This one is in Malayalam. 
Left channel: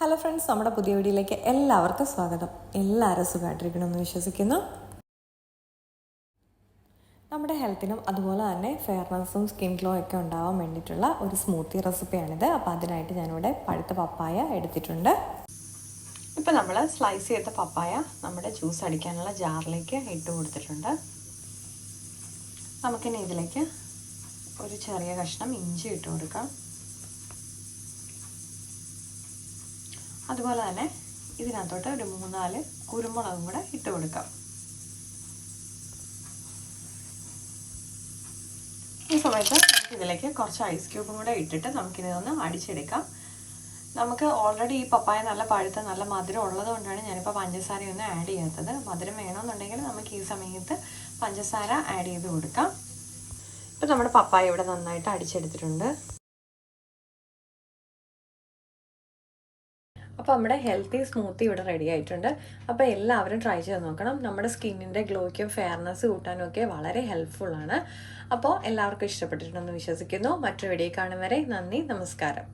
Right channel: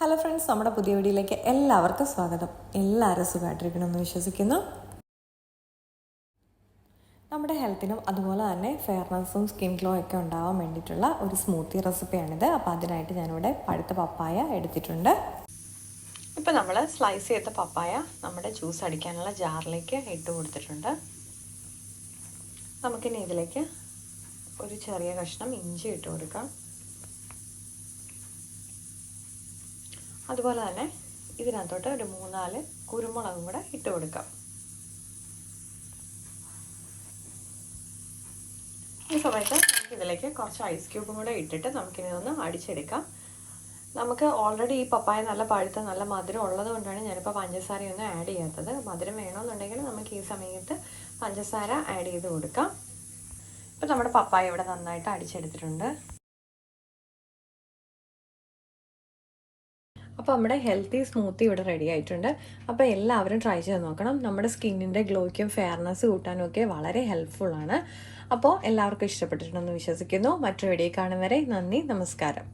ഹലോ ഫ്രണ്ട്സ്, നമ്മുടെ പുതിയ വീഡിയോയിലേക്ക് എല്ലാവർക്കും സ്വാഗതം. എല്ലാവരും സുഖമായിട്ടിരിക്കണമെന്ന് വിശ്വസിക്കുന്നു. നമ്മുടെ ഹെൽത്തിനും അതുപോലെ തന്നെ ഫെയർനെസ്സും സ്കിൻ ഗ്ലോ ഒക്കെ ഉണ്ടാവാൻ വേണ്ടിയിട്ടുള്ള ഒരു സ്മൂത്തി റെസിപ്പിയാണിത്. അപ്പോൾ അതിനായിട്ട് ഞാനിവിടെ പഴുത്ത പപ്പായ എടുത്തിട്ടുണ്ട്. ഇപ്പോൾ നമ്മൾ സ്ലൈസ് ചെയ്ത പപ്പായ നമ്മുടെ ജ്യൂസ് അടിക്കാനുള്ള ജാറിലേക്ക് ഇട്ട് കൊടുത്തിട്ടുണ്ട്. നമുക്കിനി ഇതിലേക്ക് ഒരു ചെറിയ കഷ്ണം ഇഞ്ചി ഇട്ട് കൊടുക്കാം. അതുപോലെ തന്നെ ഇതിനകത്തോട്ട് ഒരു 3-4 കുരുമുളകും കൂടെ ഇട്ട് കൊടുക്കാം. ഈ സമയത്ത് ഇതിലേക്ക് കുറച്ച് ഐസ് ക്യൂബും കൂടെ ഇട്ടിട്ട് നമുക്കിതൊന്ന് അടിച്ചെടുക്കാം. നമുക്ക് ഓൾറെഡി ഈ പപ്പായ നല്ല പഴുത്ത നല്ല മധുരം ഉള്ളത് കൊണ്ടാണ് ഞാനിപ്പോൾ പഞ്ചസാരയൊന്നും ആഡ് ചെയ്യാത്തത്. മധുരം വേണമെന്നുണ്ടെങ്കിൽ നമുക്ക് ഈ സമയത്ത് പഞ്ചസാര ആഡ് ചെയ്ത് കൊടുക്കാം. ഇപ്പം നമ്മുടെ പപ്പായ ഇവിടെ നന്നായിട്ട് അടിച്ചെടുത്തിട്ടുണ്ട്. അപ്പോൾ നമ്മുടെ ഹെൽത്തി സ്മൂത്തി ഇവിടെ റെഡി ആയിട്ടുണ്ട്. അപ്പോൾ എല്ലാവരും ട്രൈ ചെയ്ത് നോക്കണം. നമ്മുടെ സ്കിന്നിൻ്റെ ഗ്ലോയ്ക്കും ഫെയർനെസ് കൂട്ടാനും ഒക്കെ വളരെ ഹെൽപ്ഫുള്ളാണ്. അപ്പോൾ എല്ലാവർക്കും ഇഷ്ടപ്പെട്ടിട്ടുണ്ടെന്ന് വിശ്വസിക്കുന്നു. മറ്റൊരു വീഡിയോ കാണും വരെ നന്ദി, നമസ്കാരം.